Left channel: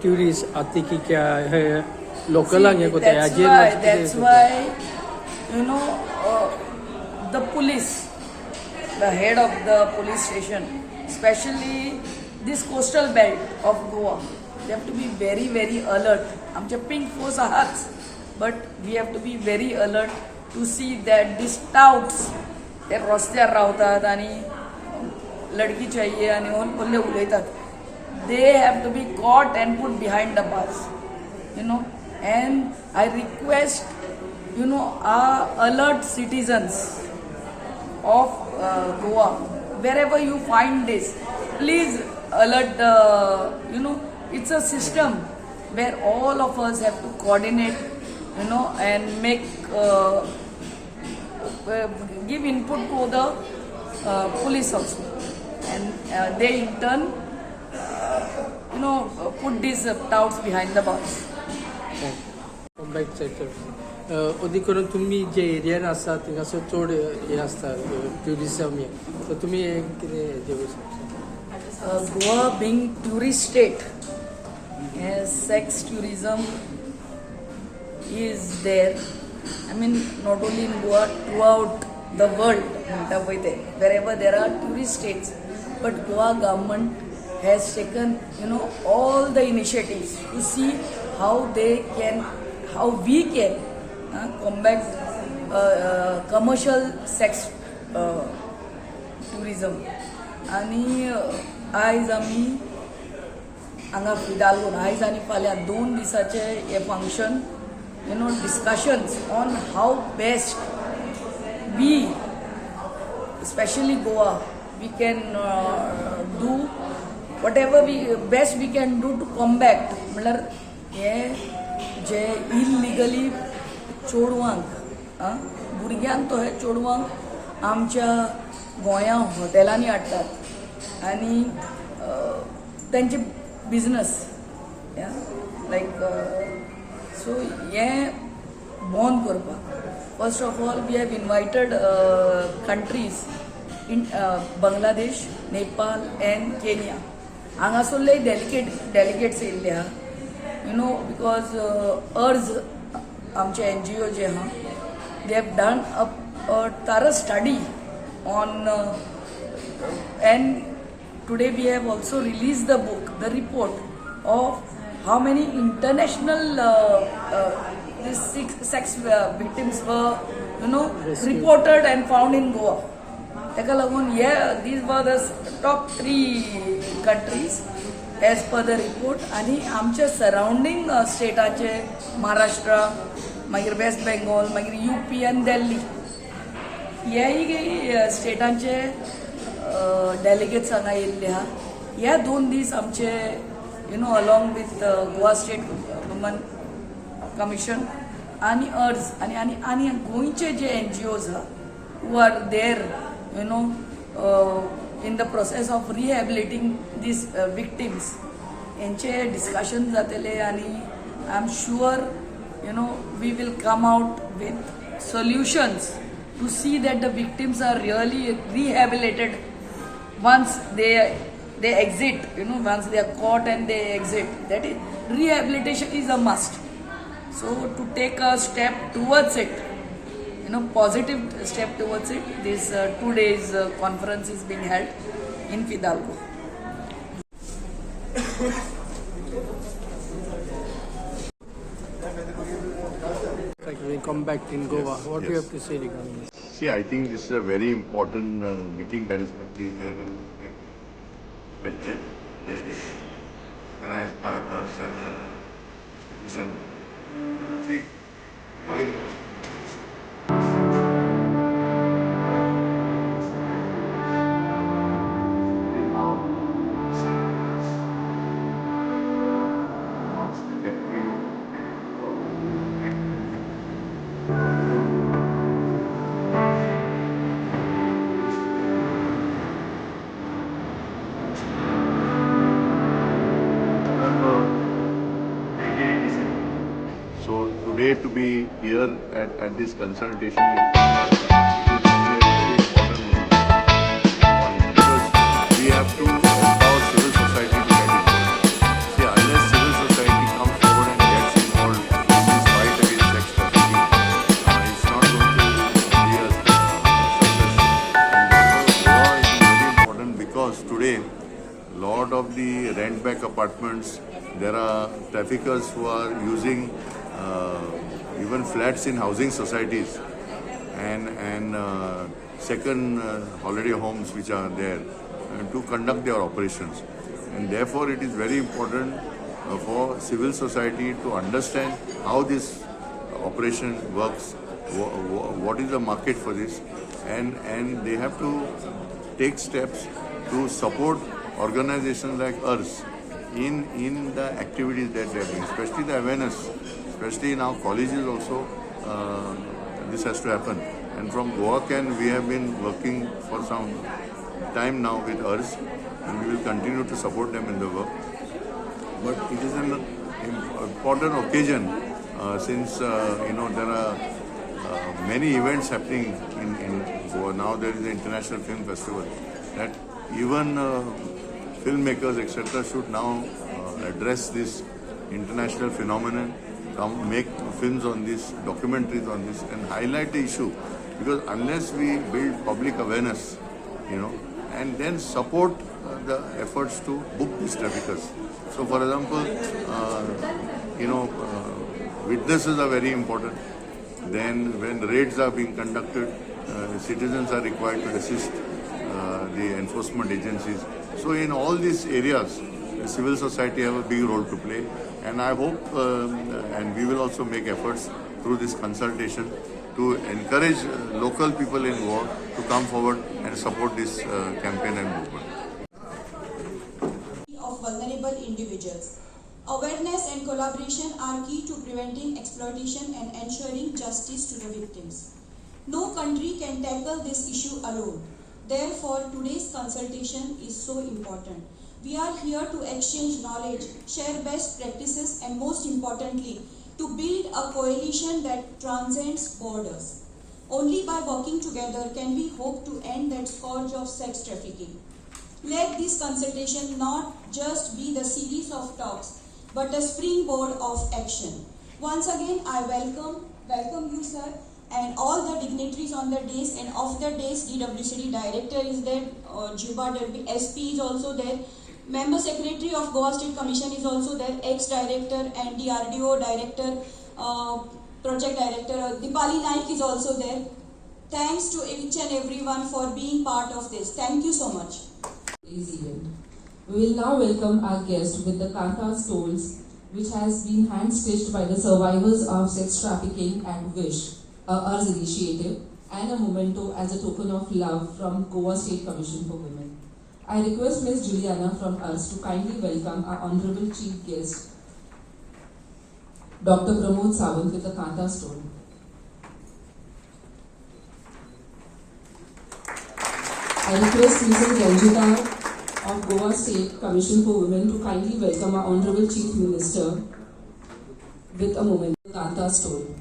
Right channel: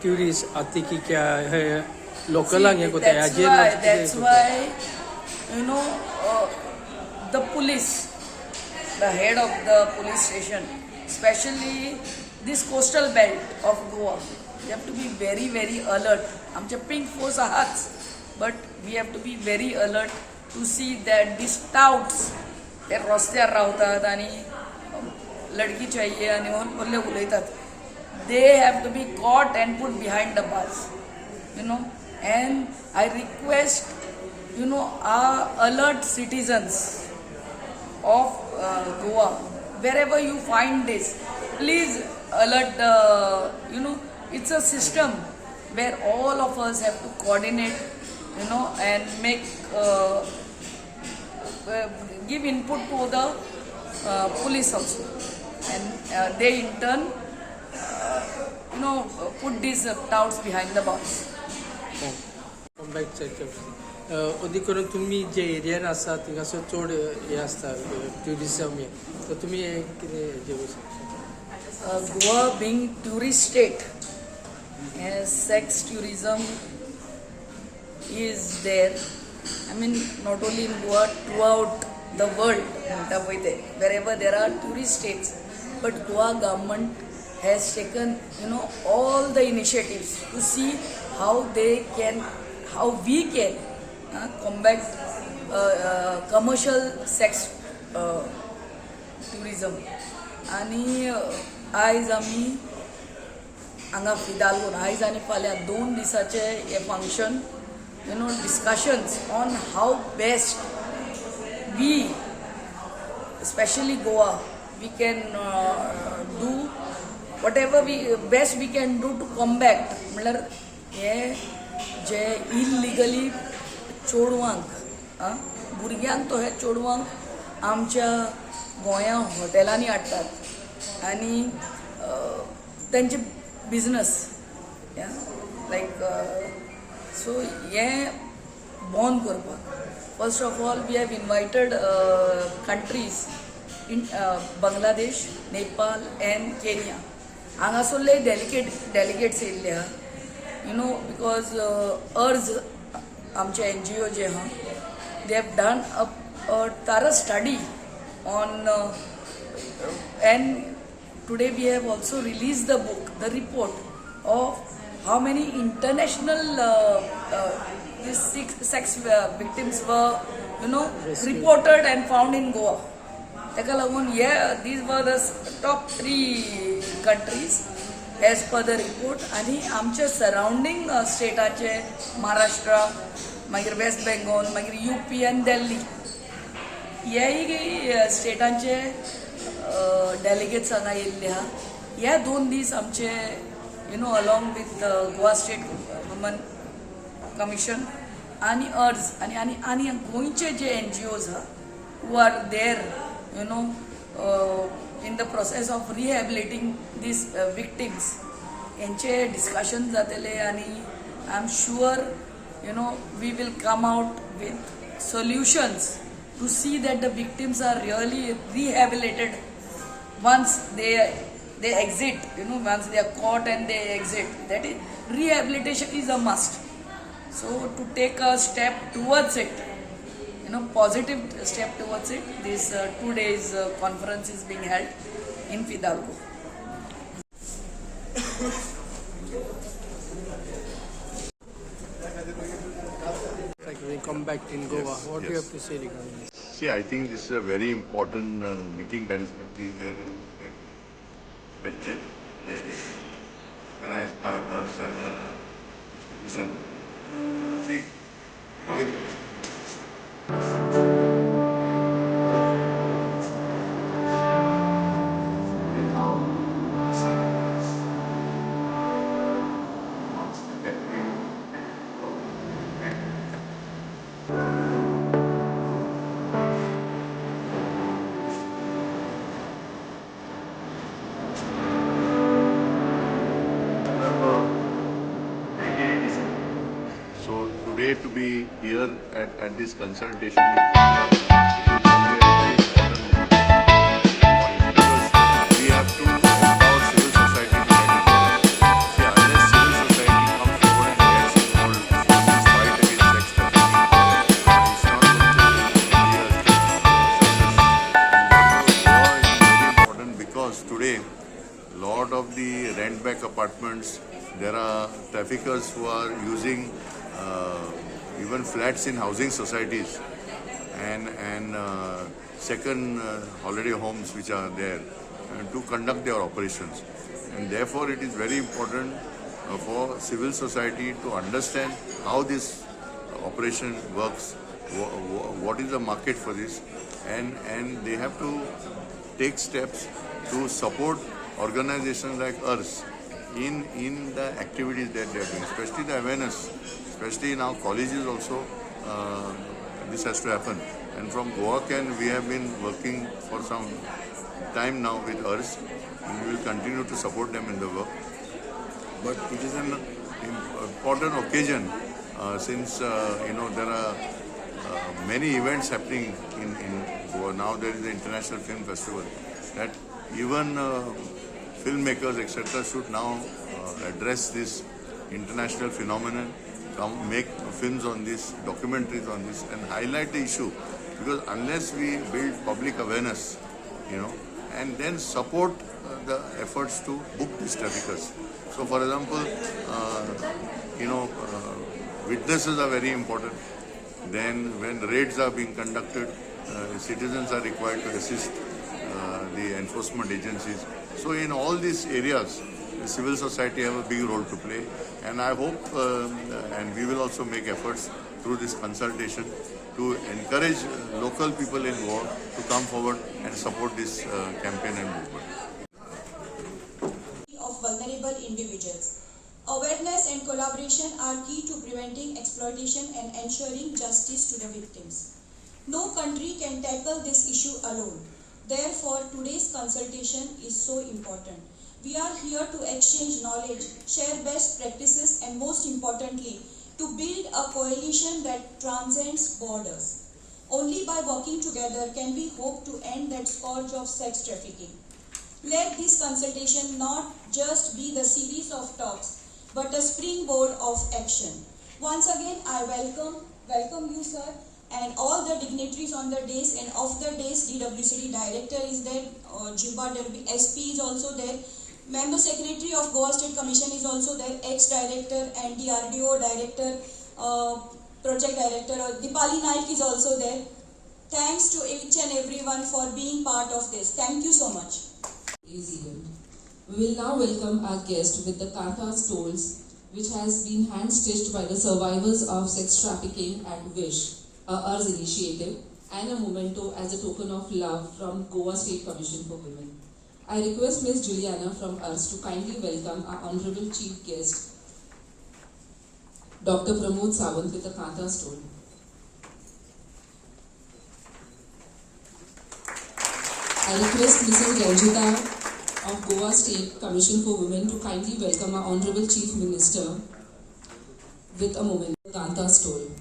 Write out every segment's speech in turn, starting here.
tourists atiki kya hai local ang ko ta That's why, you know, the police, the head of the police station, especially this coastal belt of Goa, they have to be very, very alert. आमचे pink force आहात, but we have to be very alert to see that these touts ते रस्त्यार रावतात आणि लडकी चाहिए आणि म्हणून उलयतात. They have to be caught and put behind the bars, you know. And I request, you know, our alert citizens of Goa, wherever you find this, please alert you know, it's a system where all of us have to coordinate, you know, and make, give input to the police also. And they in turn, you know, put these touts behind the bars. Come back अदी करून तुम्ही जे एरियान आसा थिंगासो चड हे आसता tourism हे तर तुम्ही कितें जेवू शकता. Goa being tourist state, sex tourism is there. I mean, not only in Goa, throughout the world, wherever there are tourist states. But Goa government has taken, you know, all the initiatives to see how we can combat commercial sex tourism. आणि आयज आमी हांगा फिदालगोन आयज आनी फाल्यां 2 दिसाचे हे function, you know, discussions on how best we, especially Goa, we can do whatever best we can do to combat म्हळ्यार हे जे illegally चोडवांक भुरग्यांक तो हे चोडवांक आमच्या गोंया हॉटेलांनी हाडटात आनी तांचे बिझनस लायक सो हे बंद करपाक first of all we have invited countries in Bangladesh, Nepal and Kenya. हांगासरले डेलिगेट्स येयल्ले आहा, you know, because URS आमचे NGO जे आहा, they have done a thorough study on and today we have also released the book, the report of how many international these sex victims were, you know, reported and found in Goa. ताका लागून these were the top 3 countries as per the report. आणि आमच्या surrounding स्टेटाचे Maharashtra, मागीर waste Bengal, मागीर UP आनी दिल्ली ह्याय स्टेटांचे delegates हांगा येयल्ले आहा. ह्या 2 दीस आमचे, you know, along with Goa state women commission आणि URS आणि गोंयचे जे NGOs आहा who are there, you know, in the process of rehabilitating these victims, यांचे डिस्कशन जातले आणि I am sure, you know, we will come out with solutions to see that the victims are really rehabilitated once they exit, you know, once they are caught and they exit. That is, rehabilitation is a must. So to take a step towards it, you know, positive step towards it, this 2 days conference is being held in Fidalgo. Like we come back in Goa, what do you have to say regarding this? See, I think this is a very important meeting that is today to be here at this consultation is very important because we have to empower civil society to get it. See, unless civil today, lot of the rent back apartments, there are traffickers who are using even flats in housing societies and second holiday homes which are there to conduct their operations. And therefore it is very important for civil society to understand how this operation works, what is the market for this, and they have to take steps to support organizations like ours in the activities that they are doing, especially the awareness, especially in our colleges also. This has to happen. And from Goa Can, we have been working for some time now with ours, and we will continue to support them in the work. But it is an important occasion since there are many events happening in Goa. Now there is the International Film Festival that even filmmakers etc. should now address this international phenomenon, make films on this, documentaries on this, and highlight the issue. Because unless we build public awareness, and then support the efforts to book these traffickers. So, for example, witnesses are very important. Then, when raids are being conducted, citizens are required to assist the enforcement agencies. So, in all these areas, civil society have a big role to play. And I hope, and we will also make efforts through this consultation to encourage local people in Goa to come forward and support this campaign and movement. Of vulnerable individuals. Awareness and collaboration are key to preventing exploitation and ensuring justice to the victims. No country can tackle this issue alone. Therefore, today's consultation is so important. We are here to exchange knowledge, share best practices, and most importantly, to build a coalition that transcends borders. Only by working together can we hope to end that scourge of sex trafficking. Let this consultation not just be the series of talks, but a springboard of action. Once again, I welcome you, sir, and all the dignitaries on the days and off the days. DWCD director is there, Juba Derby, SP is also there, member secretary of Goa State Commission is also there, ex-director and DRDO director, project director, Dipali Naik is also there. Thanks to each and everyone for being part of this. Thank you so much. Event. We will now welcome our guest with the Kantha stoles, which has been hand-stitched by the survivors of sex trafficking and WISH, a URS initiative, and a memento as a token of love from Goa State Commission for Women. I request Ms. Juliana from URS to kindly welcome our Honorable Chief Guest, Dr. Pramod Sawant, with the Kantha stole. I request Mrs. Ranjita of Goa State Commission for Women to kindly welcome our Honorable Chief Minister with a moment. Kantha stole.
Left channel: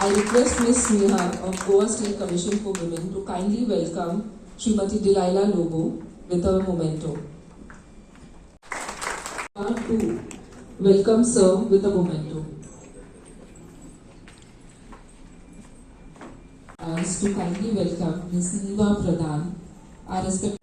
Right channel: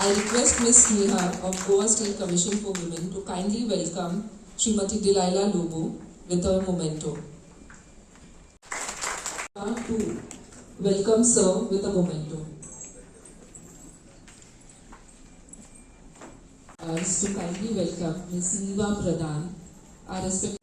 I request Ms. Nihar of Goa State Commission for Women to kindly welcome Srimati Delilah Lobo with a memento. Who welcome sir with a memento. To kindly welcome Ms. Neeva Pradhan, our respected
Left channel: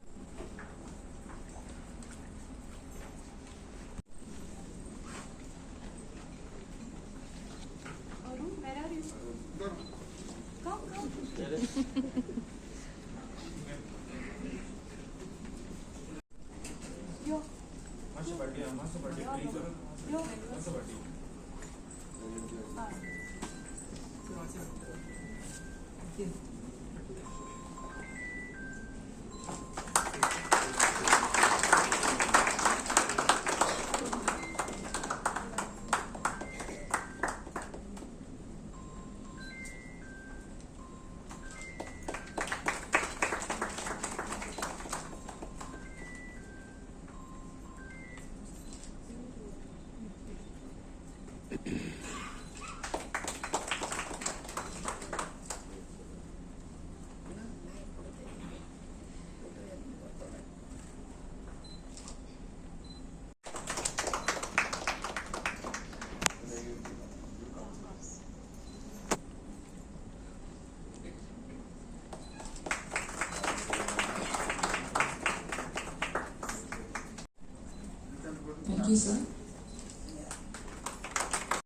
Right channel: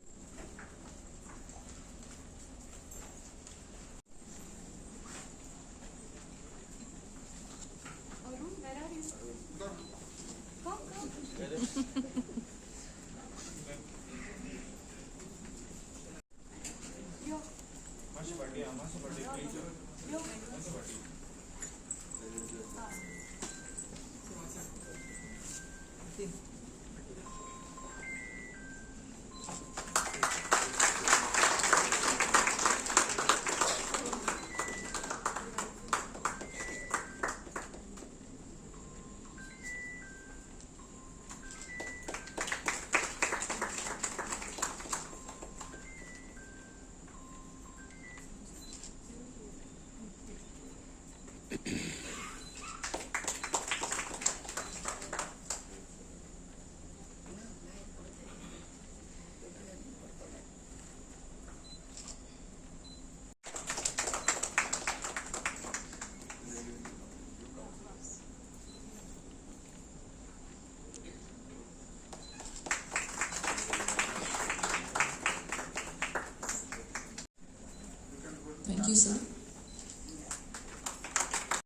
you, sir.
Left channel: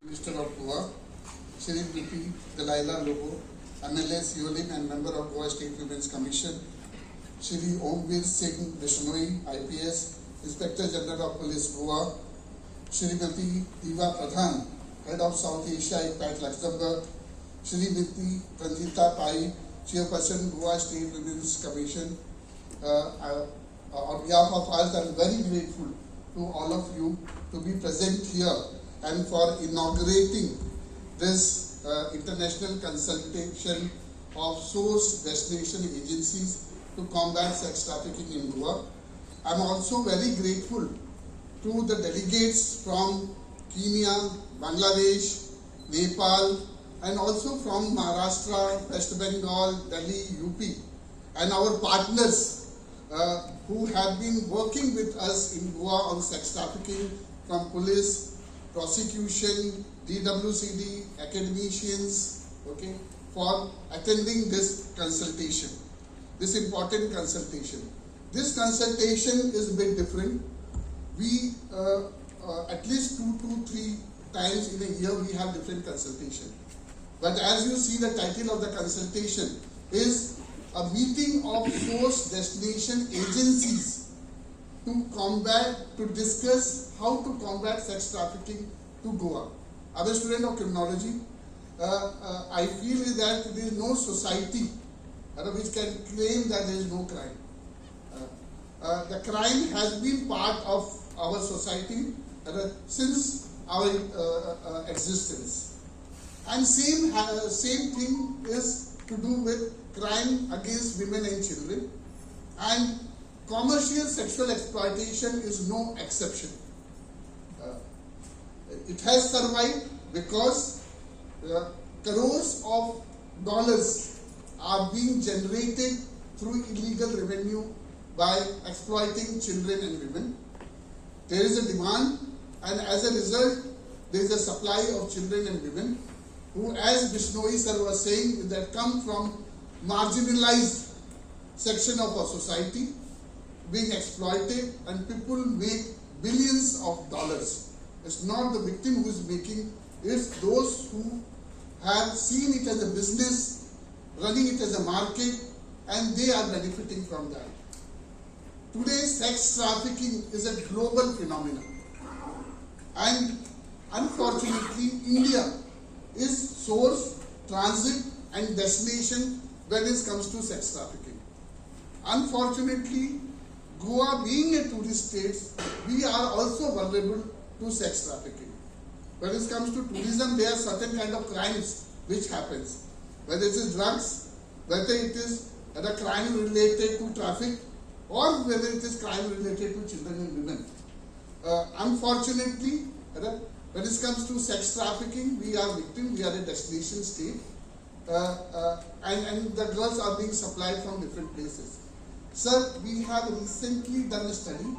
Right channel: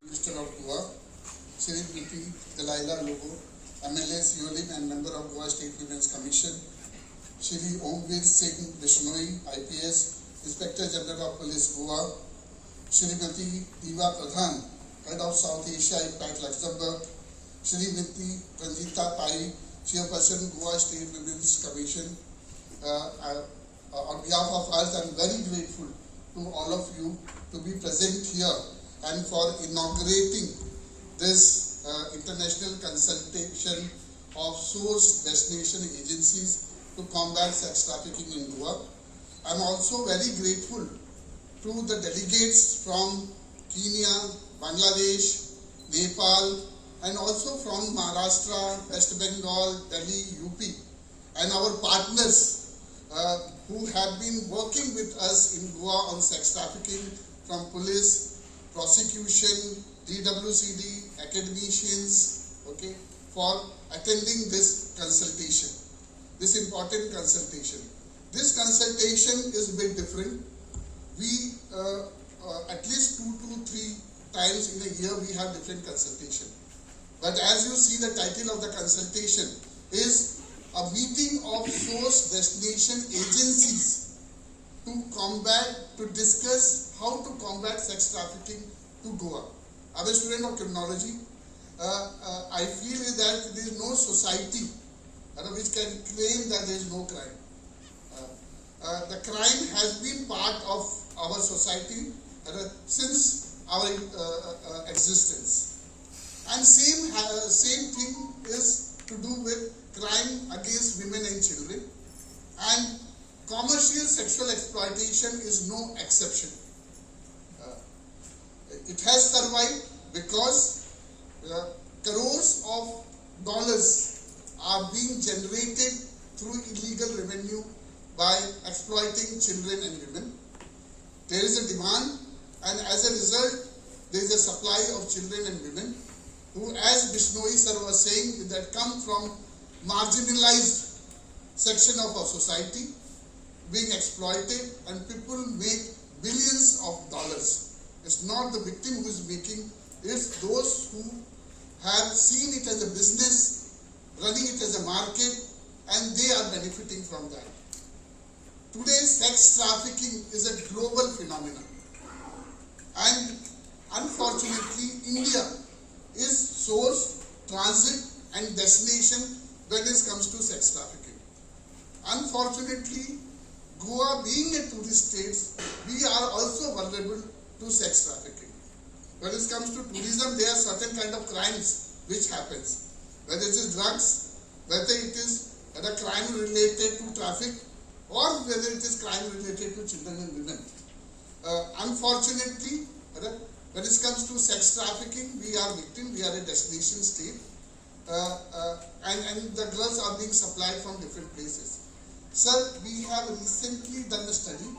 Minister of Goa, Shri Priti Delilah Lobo, MLA Siolin and member of Goa State Women's Commission, Shri Omveer Singh Bishnoi, IPS, Inspector General of Police Goa, Shrimati Diva Pradhan, Head of South Asia IPAC Luxembourg, Shrimati Ranjita Pai, Chairperson Goa State Women's Commission. On behalf of us, I am very grateful to all of you to be present here and for inaugurating this international consultation of source destination agencies to combat sex trafficking in Goa. I am also very grateful to the delegates from Kenya, Bangladesh, Nepal, and also from Maharashtra, West Bengal, Delhi, UP, and our partners who have been working with us in Goa on sex trafficking, from police, prosecution, DWCD, academicians, okay, for attending this consultation, this important consultation. This consultation is a bit different. We, at least 2 to 3 times in a year, we have different consultation. But as you see, the title of the consultation is a meeting of source destination agencies to discuss how to combat sex trafficking to Goa. As a student of criminology, I feel that there is no society which can claim that there is no crime. The crime has been part of our society since our existence. And same thing is to do with crime against women and children. And commercial sexual exploitation is no exception. It has survived because crores of dollars are being generated through illegal revenue by exploiting children and women. There is a demand, and as a result, there is a supply of children and women who, as Bishnoi sir was saying, that come from marginalized section of our society, being exploited, and people make billions of dollars. It's not the victim who is making, it's those who have seen it as a business, running it as a market, and they are benefiting from that. Today, sex trafficking is a global phenomenon. And unfortunately, India is source, transit, and destination when it comes to sex trafficking. Unfortunately, Goa being a tourist state, we are also vulnerable to sex trafficking. When it comes to tourism, there are certain kind of crimes which happens. Whether it is drugs, whether it is a crime related to traffic, or whether it is crime related to children and women. Unfortunately, when it comes to sex trafficking, we are victim, we are a destination state, and the girls are being supplied from different places. Sir, we have recently done a study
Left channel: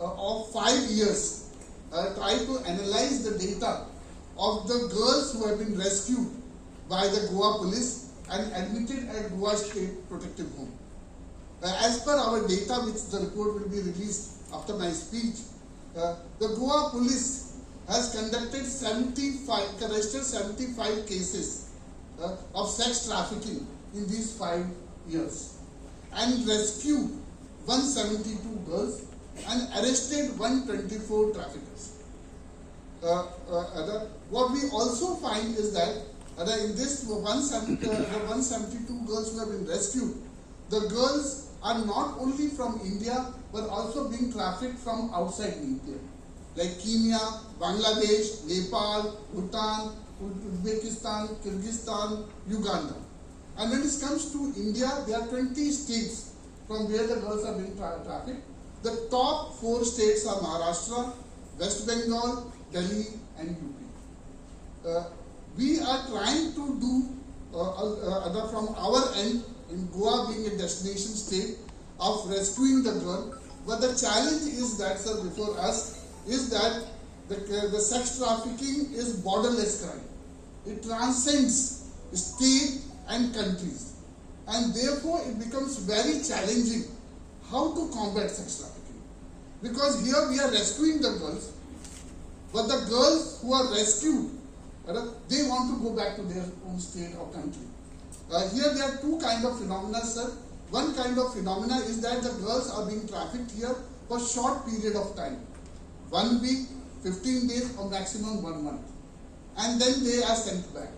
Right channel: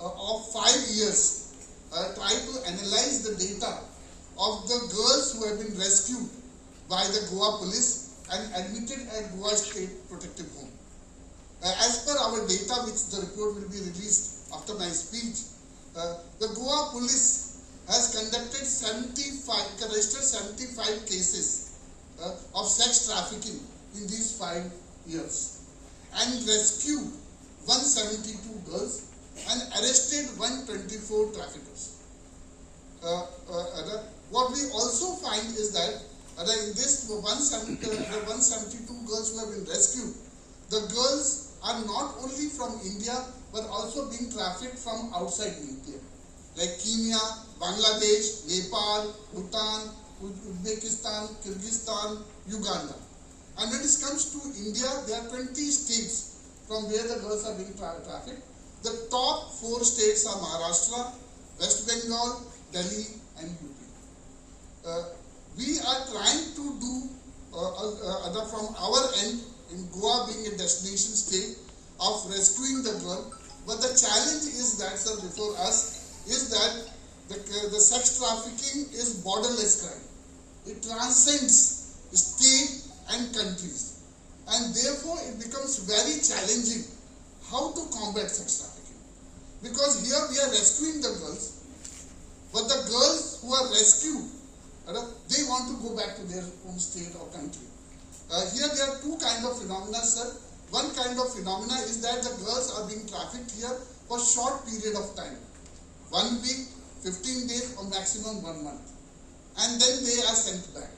of 5 years, try to analyze the data of the girls who have been rescued by the Goa police and admitted at Goa State Protective Home. As per our data, which the report will be released after my speech, the Goa police has conducted registered 75 cases of sex trafficking in these 5 years and rescued 172 girls and arrested 124 traffickers. What we also find is that in this 172 girls who have been rescued, the girls are not only from India but also being trafficked from outside India, like Kenya, Bangladesh, Nepal, Bhutan, Uzbekistan, Kyrgyzstan, Uganda. And when it comes to India, there are 20 states from where the girls are being trafficked. The top 4 states are Maharashtra, West Bengal, Delhi, and UP. We are trying to do from our end, in Goa being a destination state, of rescuing the girl. But the challenge is that, sir, before us, is that the sex trafficking is borderless crime. It transcends state and countries. And therefore, it becomes very challenging how to combat sex trafficking. Because here we are rescuing the girls, But the girls who are rescued, they want to go back to their home state or country. Here there are two kind of phenomena, sir. One kind of phenomena is that the girls are being trafficked here for short period of time. 1 week, 15 days or maximum 1 month. And then they are sent back.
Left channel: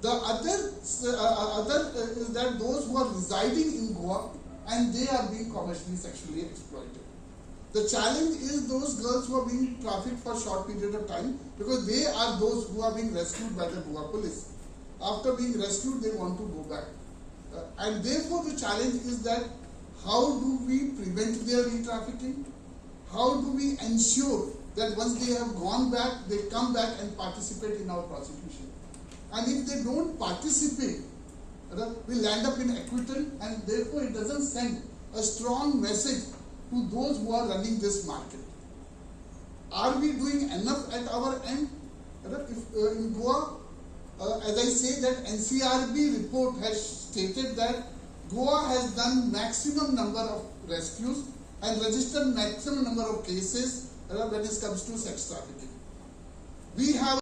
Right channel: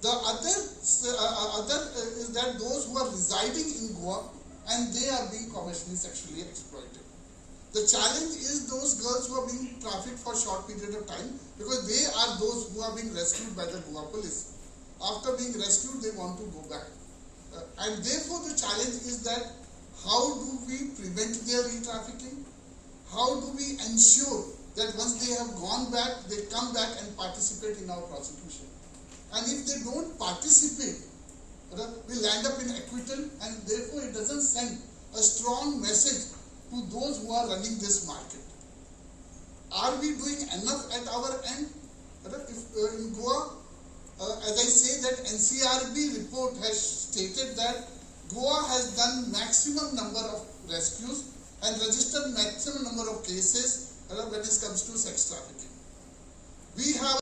The other is that those who are residing in Goa and they are being commercially sexually exploited. The challenge is those girls who are being trafficked for short period of time, because they are those who are being rescued by the Goa police. After being rescued, they want to go back. And therefore the challenge is that how do we prevent their re-trafficking? How do we ensure that once they have gone back, they come back and participate in our prosecution? And if they don't participate, we land up in acquittal, and therefore it doesn't send a strong message to those who are running this market. Are we doing enough at our end? If in Goa, as I say, that NCRB report has stated that Goa has done maximum number of rescues and registered maximum number of cases when it comes to sex trafficking. We have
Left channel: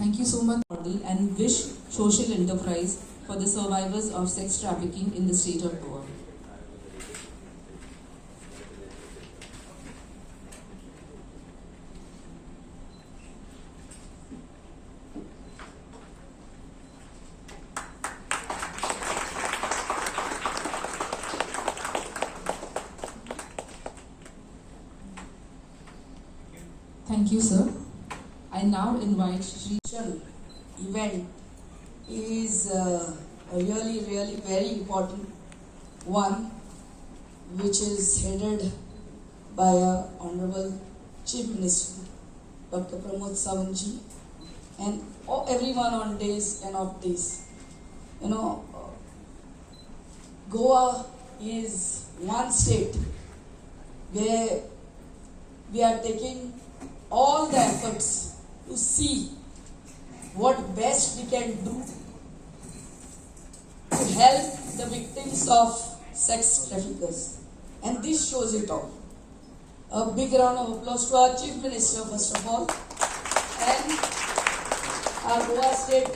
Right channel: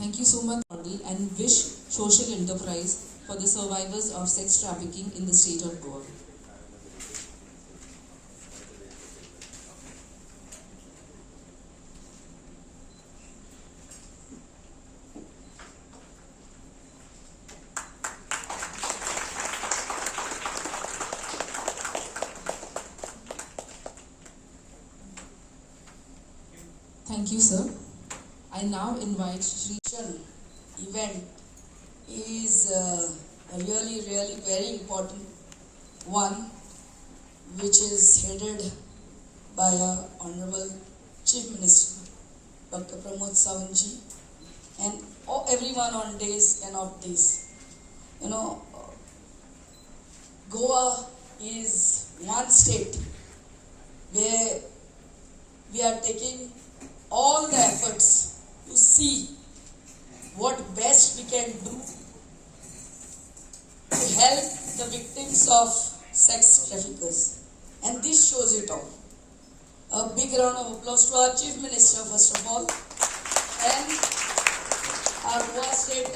Thank you so much, model, and wish social enterprise for the survivors of sex trafficking in the state of Goa. Thank you, sir. I now invite Shri event is a really very important one, which is headed by our Honorable Chief Minister, Dr. Pramod Sawantji, and everyone on days and off days. Goa is one state where we are taking all the efforts to see what best we can do to help the victims of sex traffickers. And this shows it all. A big round of applause to our Chief Minister, first of all, and our Goa State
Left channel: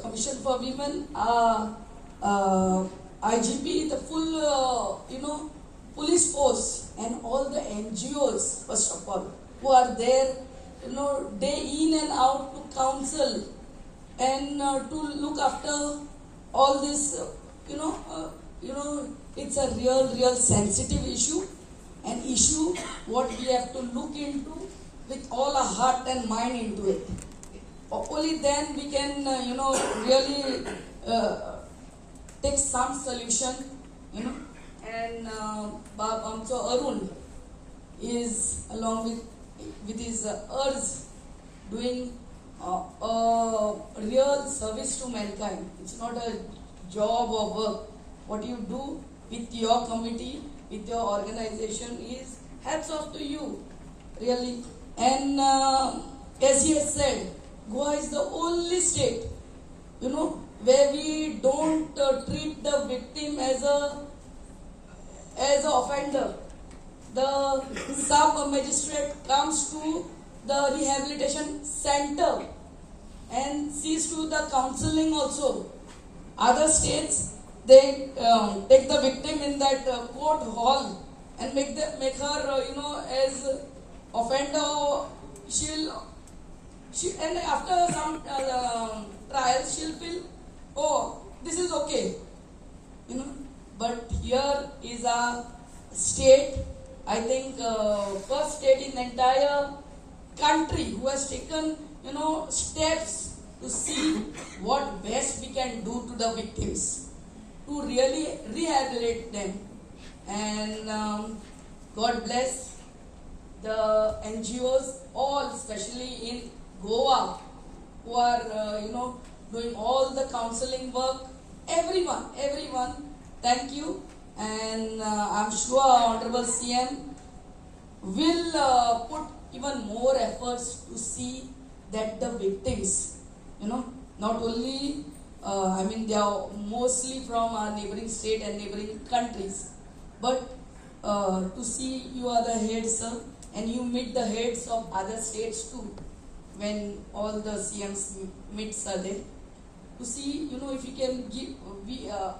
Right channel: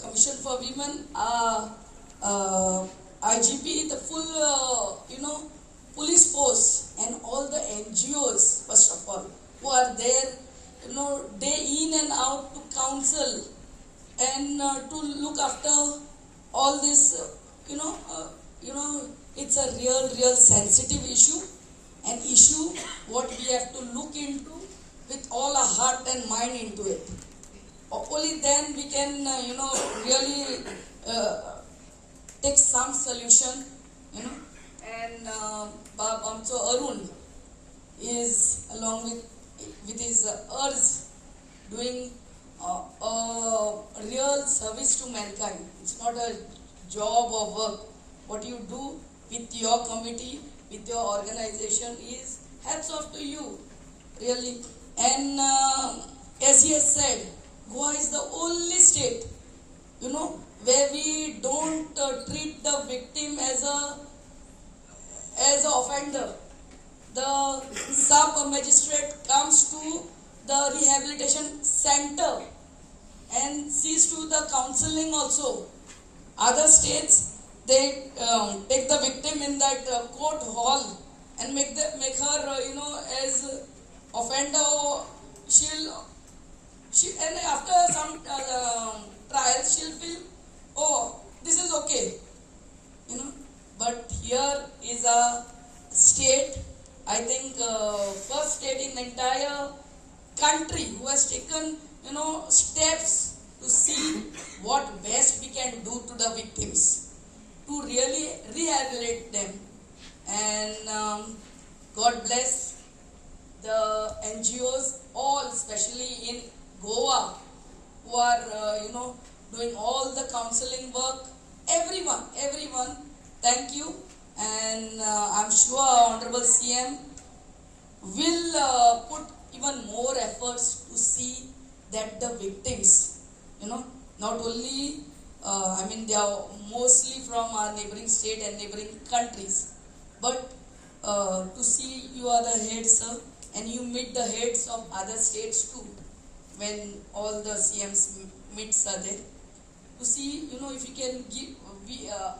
Commission for Women, our IGP, the full, police force, and all the NGOs, first of all, who are there, day in and out to counsel and to look after all this, it's a real sensitive issue, an issue what we have to look into with all our heart and mind into it. Only then we can, really take some solution, and Amcho Arun is along with his ERS doing a real service to mankind. It's not a job or work. What you do with your committee, with your organization is hats off to you, really. And as he has said, Goa is the only state, where we don't treat the victim as an offender. The sub-magistrate comes to the rehabilitation center and sees to the counseling also. Other states, they take the victim in that court hall and make her, as offender. And after some trial, she'll feel, oh, this is okay, But here is a state, I think, first state in the entire country who has taken, steps to see what best we can do to the victims, to really rehabilitate them. And God bless the NGOs, all especially in Goa, who are doing all the counseling work. Everyone, thank you. And I'm sure Honorable CM will put even more efforts to see that the victims, not only, they are mostly from our neighboring state and neighboring countries, but to see you are the head, sir, and you meet the heads of other states too, when all the CMs meets are there, to see, if you can give,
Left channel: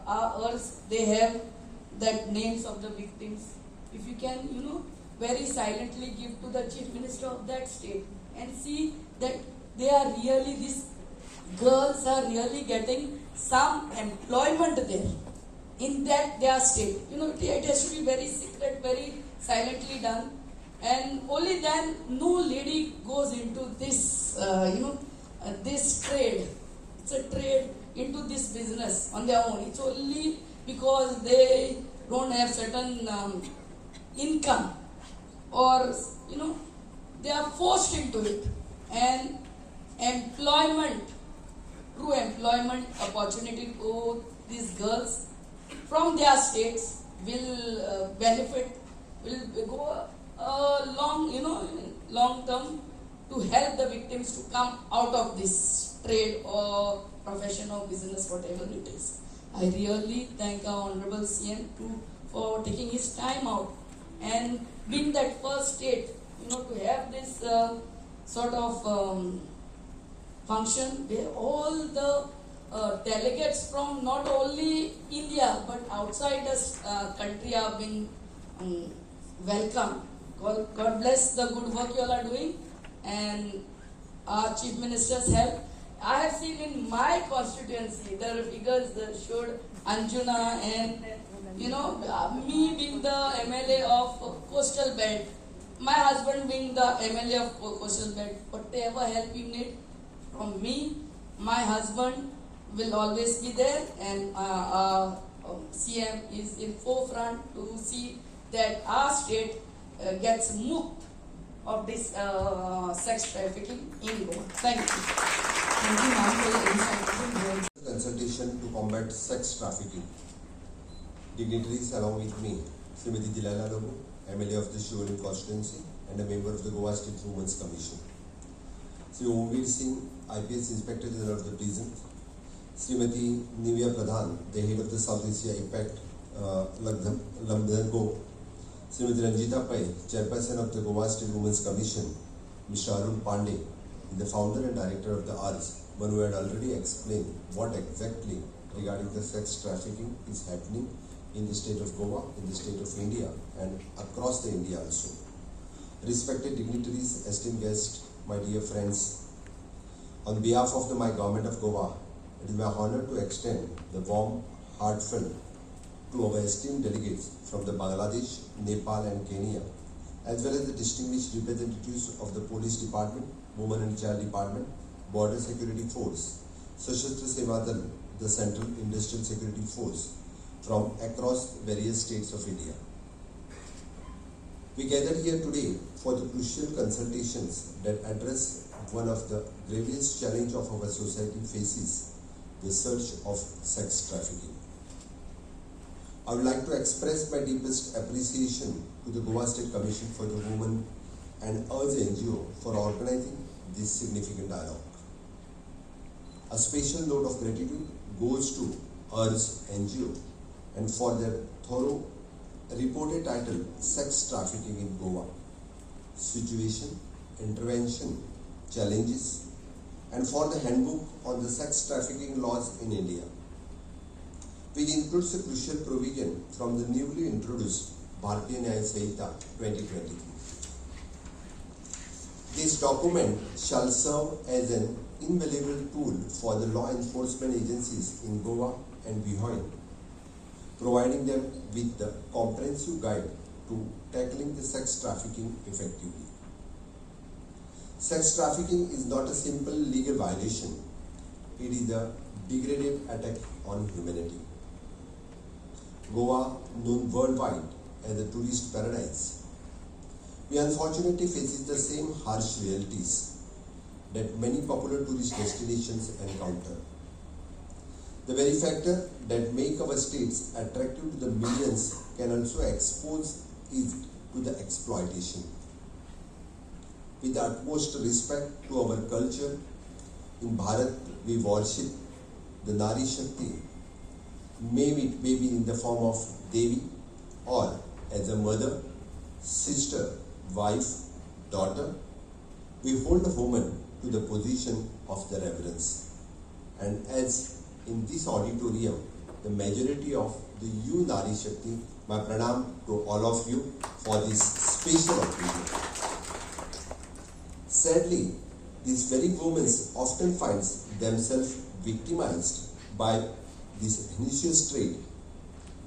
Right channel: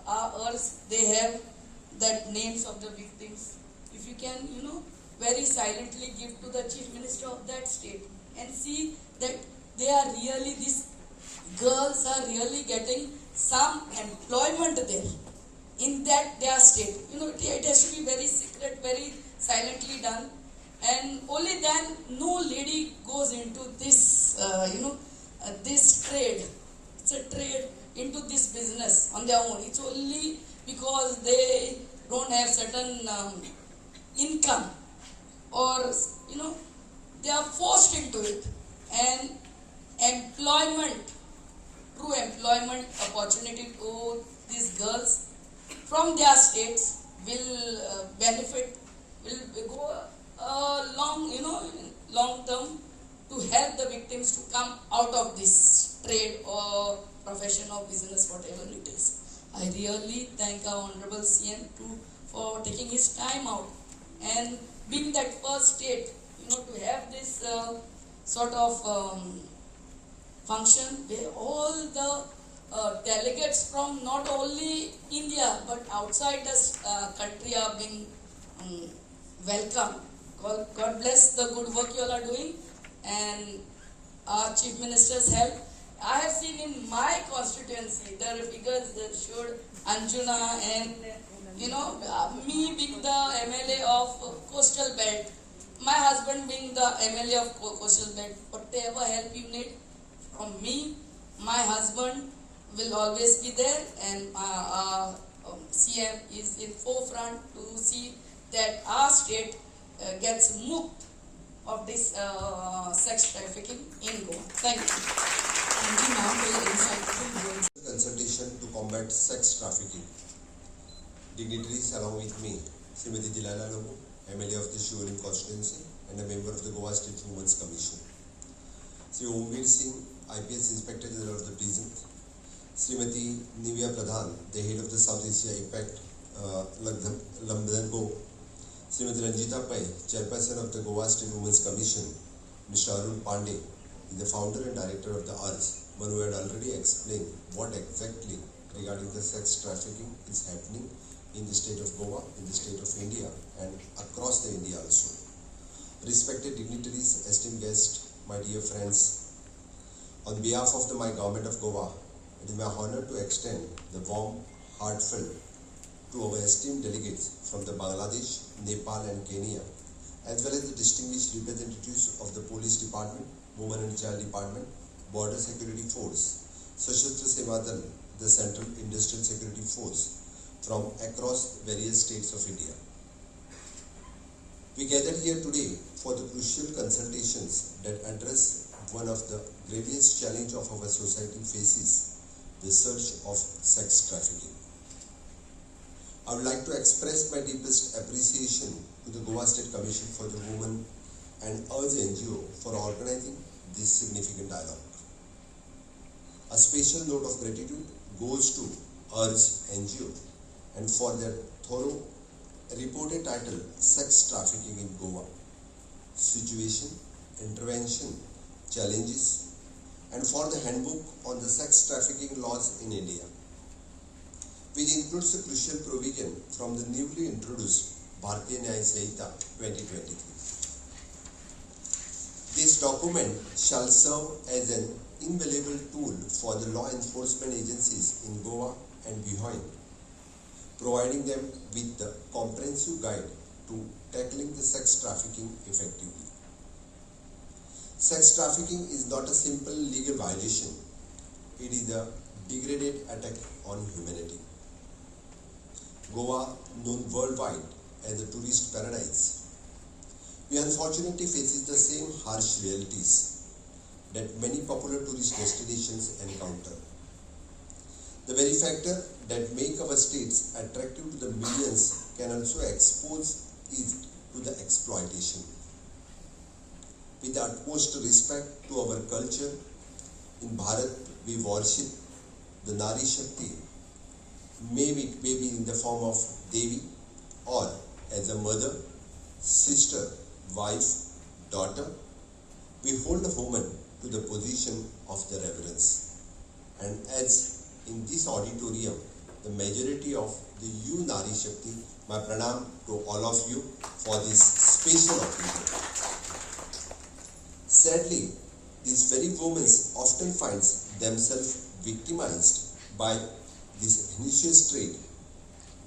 ours, they have that names of the victims. If you can, very silently give to the Chief Minister of that state and see that they are really, these girls are really getting some employment there in that their state. It has to be very secret, very silently done, and only then no lady goes into this, this trade. It's a trade into this business on their own. It's only because they don't have certain income, or they are forced into it. And employment, true employment opportunity to these girls from their states will benefit, will go long term to help the victims to come out of this trade or profession or business, whatever it is. I really thank our Honorable CM for taking his time out and being that first state, to have this sort of function where all the delegates from not only India but outside the country are being welcomed. Well, God bless the good work you all are doing, and our Chief Minister's help. I have seen in my constituency the figures that showed Anjuna and me being the MLA of Coastal Belt, my husband being the MLA of Coastal Belt. Whatever help you need from me, my husband will always be there, and CM is in forefront to see that our state gets moved of this sex trafficking in Goa. Thank you. Thank you, ma'am, for your insight. Consultation to combat sex trafficking. Dignitaries along with me, Srimati Dilala Lomu, MLA of the Shivani constituency and a member of the Goa State Women's Commission. Sri Omveer Singh, IPS Inspector General of the prison. Srimati Nivya Pradhan, the head of the South Asia IPACT Lamdango. Srimati Ranjita Pai, Chairperson of the Goa State Women's Commission. Mr. Arun Pandey, the founder and director of the ARS, one who had already explained what exactly regarding the sex trafficking is happening in the state of Goa, in the state of India, and across the India also. Respected dignitaries, esteemed guests, my dear friends, on behalf of my government of Goa, it is my honor to extend the warm, heartfelt to our esteemed delegates from the Bangladesh, Nepal and Kenya, as well as the distinguished representatives of the Police Department, Women and Child Department, Border Security Force, Sashastra Seva Dal, the Central Industrial Security Force, from across various states of India. We gathered here today for the crucial consultations that address one of the gravest challenges of our society faces, the surge of sex trafficking. I would like to express my deepest appreciation to the Goa State Commission for the Women and urge NGO for organizing this significant dialogue. A special note of gratitude goes to URGE NGO and for their thorough reported title, Sex Trafficking in Goa, Situation, Intervention, Challenges, and for the handbook on the sex trafficking laws in India, which includes a crucial provision from the newly introduced Bharatiya Nyaya Sanhita 2023. This document shall serve as an invaluable tool for the law enforcement agencies in Goa and beyond, providing them with the comprehensive guide to tackling the sex trafficking effectively. Sex trafficking is not a simple legal violation. it is a degraded attack on humanity. Goa, known worldwide as a tourist paradise, we unfortunately faces the same harsh realities that many popular tourist destinations encounter. The very factor that make our states attractive to the millions can also expose it to the exploitation. With the utmost respect to our culture, in Bharat we worship the Nari Shakti, maybe it may be in the form of Devi or as a mother, sister, wife, daughter. We hold a woman to the position of the reverence. And as in this auditorium, the majority of the you Nari Shakti, my pranam to all of you for this special occasion. Sadly, these very women often find themselves victimized by this initial trait.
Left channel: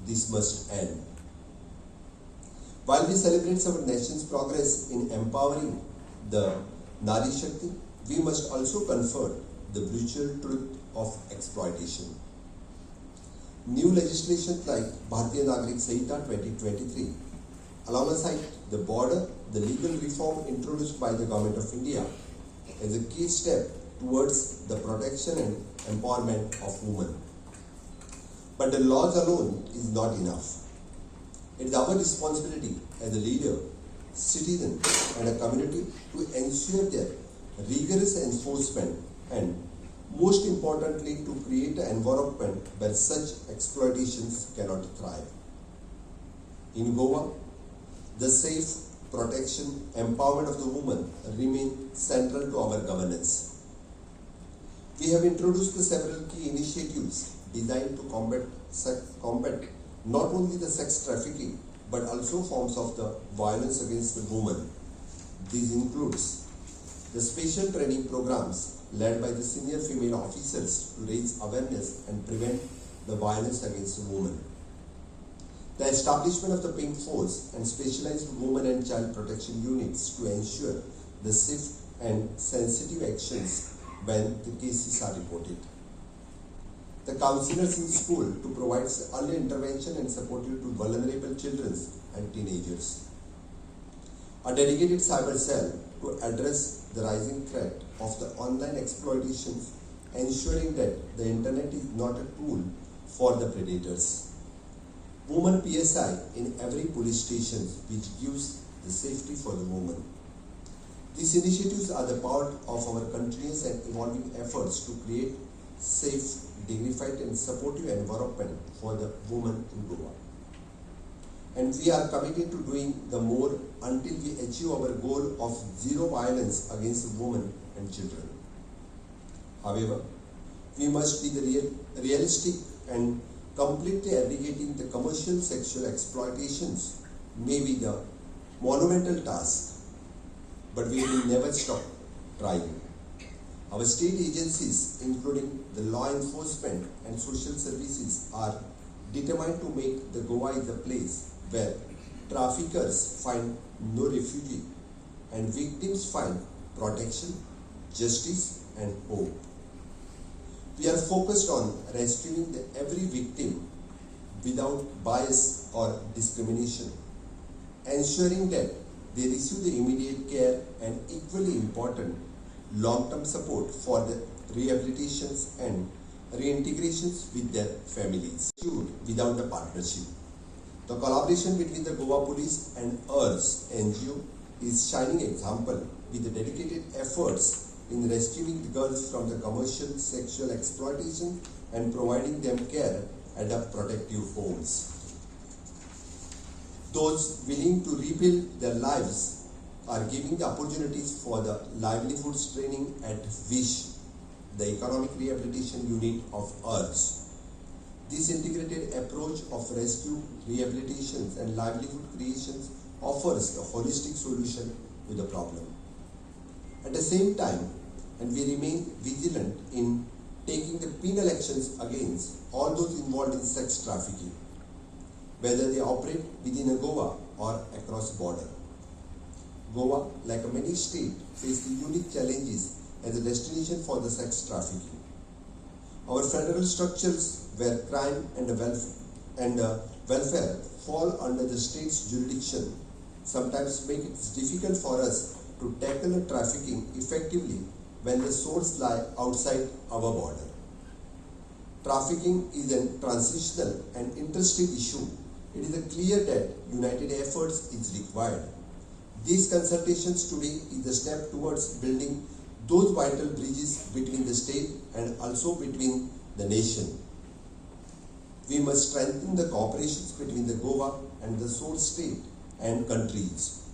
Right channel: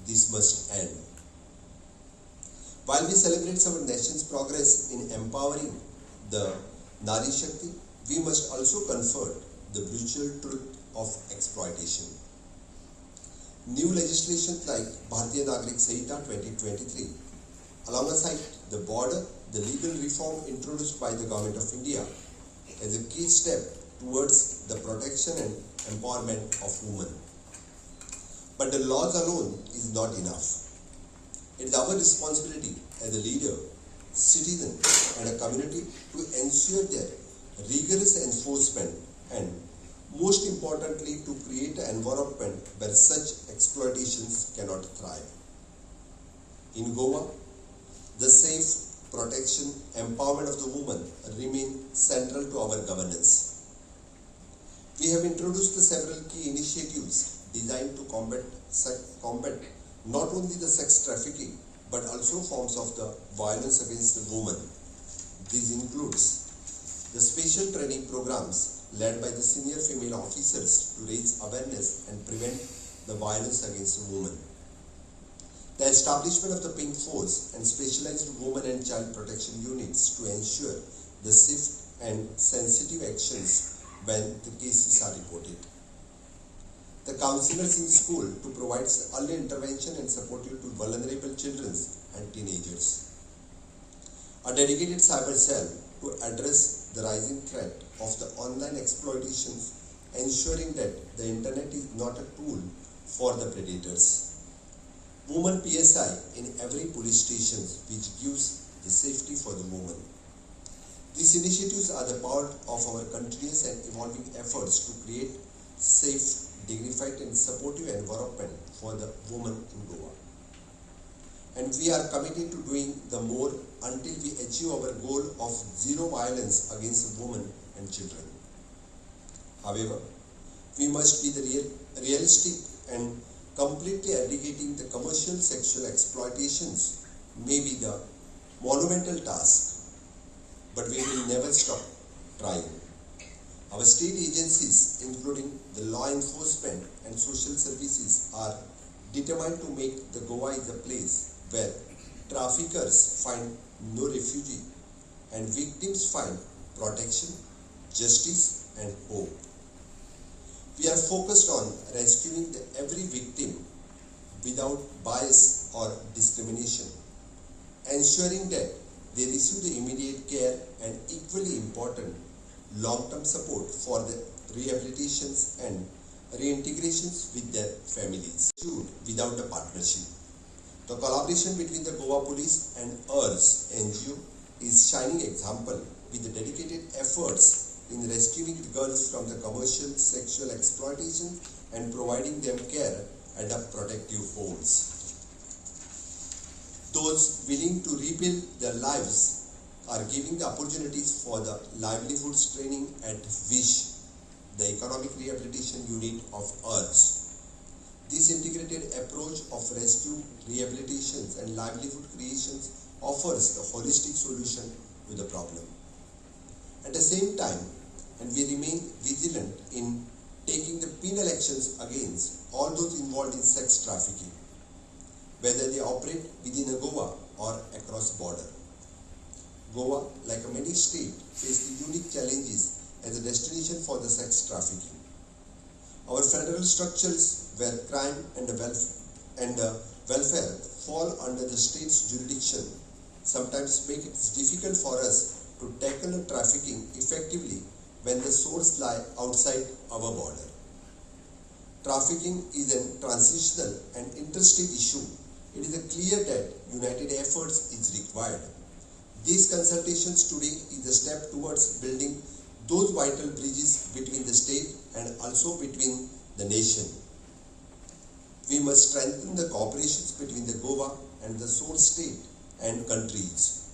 This must end. While we celebrate our nation's progress in empowering the Nari Shakti, we must also confront the brutal truth of exploitation. New legislation like Bharatiya Nagarik Sanhita 2023, alongside the border, the legal reform introduced by the Government of India is a key step towards the protection and empowerment of women. But the laws alone is not enough. It is our responsibility as a leader, citizen and a community to ensure their rigorous enforcement and most importantly to create an environment where such exploitations cannot thrive. In Goa, the safe, protection, empowerment of the woman remain central to our governance. We have introduced several key initiatives designed to combat not only the sex trafficking but also forms of the violence against the woman. These includes the special training programs led by the senior female officers to raise awareness and prevent the violence against the woman. The establishment of the Pink Force and specialized women and child protection units to ensure the swift and sensitive actions when the cases are reported. The counselors in school to provide early intervention and support to vulnerable children and teenagers. A dedicated cyber cell to address the rising threat of the online exploitations, ensuring that the internet is not a tool for the predators. Women PSI in every police station which gives the safety for the woman. These initiatives are the part of our continuous and evolving efforts to create safe, dignified and supportive environment for the woman in Goa. And we are committed to doing the more until we achieve our goal of zero violence against women and children. However, we must be realistic and completely eradicating the commercial sexual exploitations may be the monumental task, but we will never stop trying. Our state agencies, including the law enforcement and social services, are determined to make the Goa is a place where traffickers find no refuge and victims find protection, justice and hope. We are focused on rescuing every victim without bias or discrimination, ensuring that they receive the immediate care and equally important long-term support for the rehabilitations and reintegrations with their families without a partnership. The collaboration between the Goa Police and EARS NGO is shining example with the dedicated efforts in rescuing the girls from the commercial sexual exploitation and providing them care at the protective homes. Those willing to rebuild their lives are giving the opportunities for the livelihoods training at WISH, the Economic Rehabilitation Unit of EARS. This integrated approach of rescue, rehabilitations and livelihood creations offers a holistic solution to the problem. At the same time, and we remain vigilant in taking the penal actions against all those involved in sex trafficking, whether they operate within a Goa or across border. Goa, like many states, faces unique challenges as a destination for the sex trafficking. Our federal structures where crime and welfare fall under the state's jurisdiction sometimes make it difficult for us to tackle trafficking effectively when the source lie outside our border. Trafficking is a transitional and interstate issue. It is clear that united efforts is required. These consultations today is a step towards building those vital bridges between the state and also between the nation. We must strengthen the cooperations between the Goa and the source state and countries.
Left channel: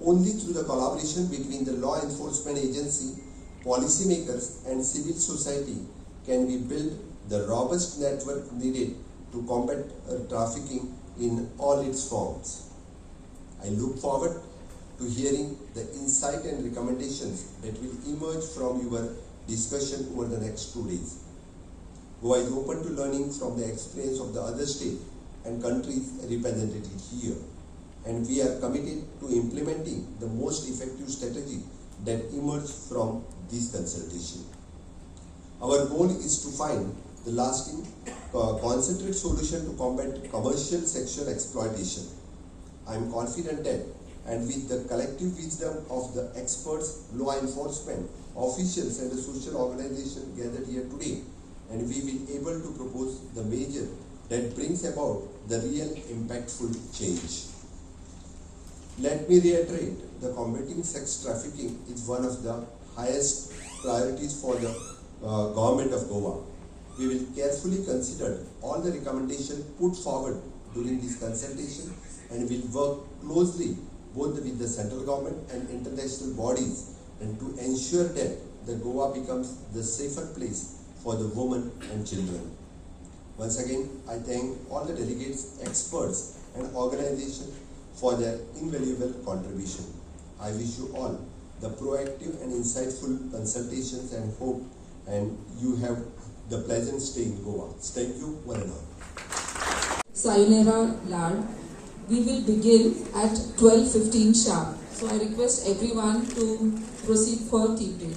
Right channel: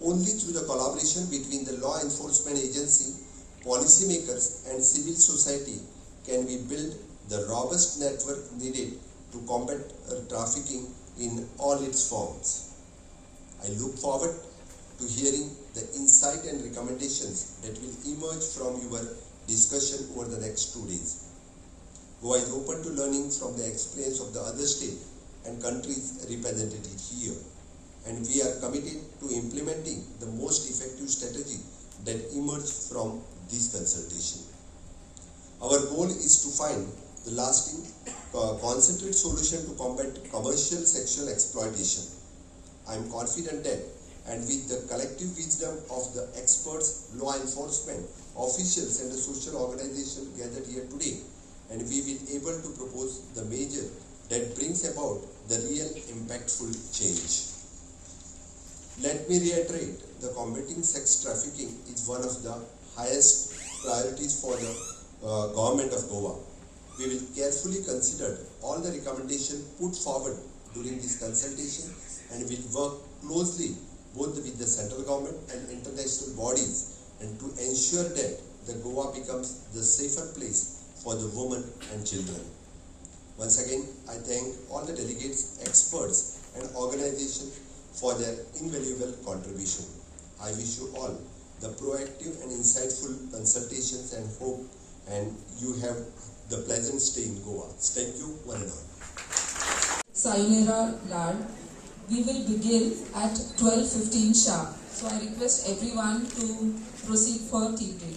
Only through the collaboration between the law enforcement agency, policymakers and civil society can we build the robust network needed to combat trafficking in all its forms. I look forward to hearing the insight and recommendations that will emerge from your discussion over the next 2 days. Goa is open to learning from the experience of the other states and countries represented here, and we are committed to implementing the most effective strategy that emerge from this consultation. Our goal is to find the lasting, concentrated solution to combat commercial sexual exploitation. I am confident that, and with the collective wisdom of the experts, law enforcement, officials and the social organization gathered here today, and we will be able to propose the measure that brings about the real impactful change. Let me reiterate, the combating sex trafficking is one of the highest priorities for the government of Goa. We will carefully consider all the recommendations put forward during this consultation and will work closely both with the central government and international bodies and to ensure that the Goa becomes the safer place for the women and children. Once again, I thank all the delegates, experts and organizations for their invaluable contribution. I wish you all the proactive and insightful consultations and hope and you have the pleasant stay in Goa. Thank you, one and all. Sayonara Lad. We will begin at 12:15 sharp. So I request everyone to proceed for tea break.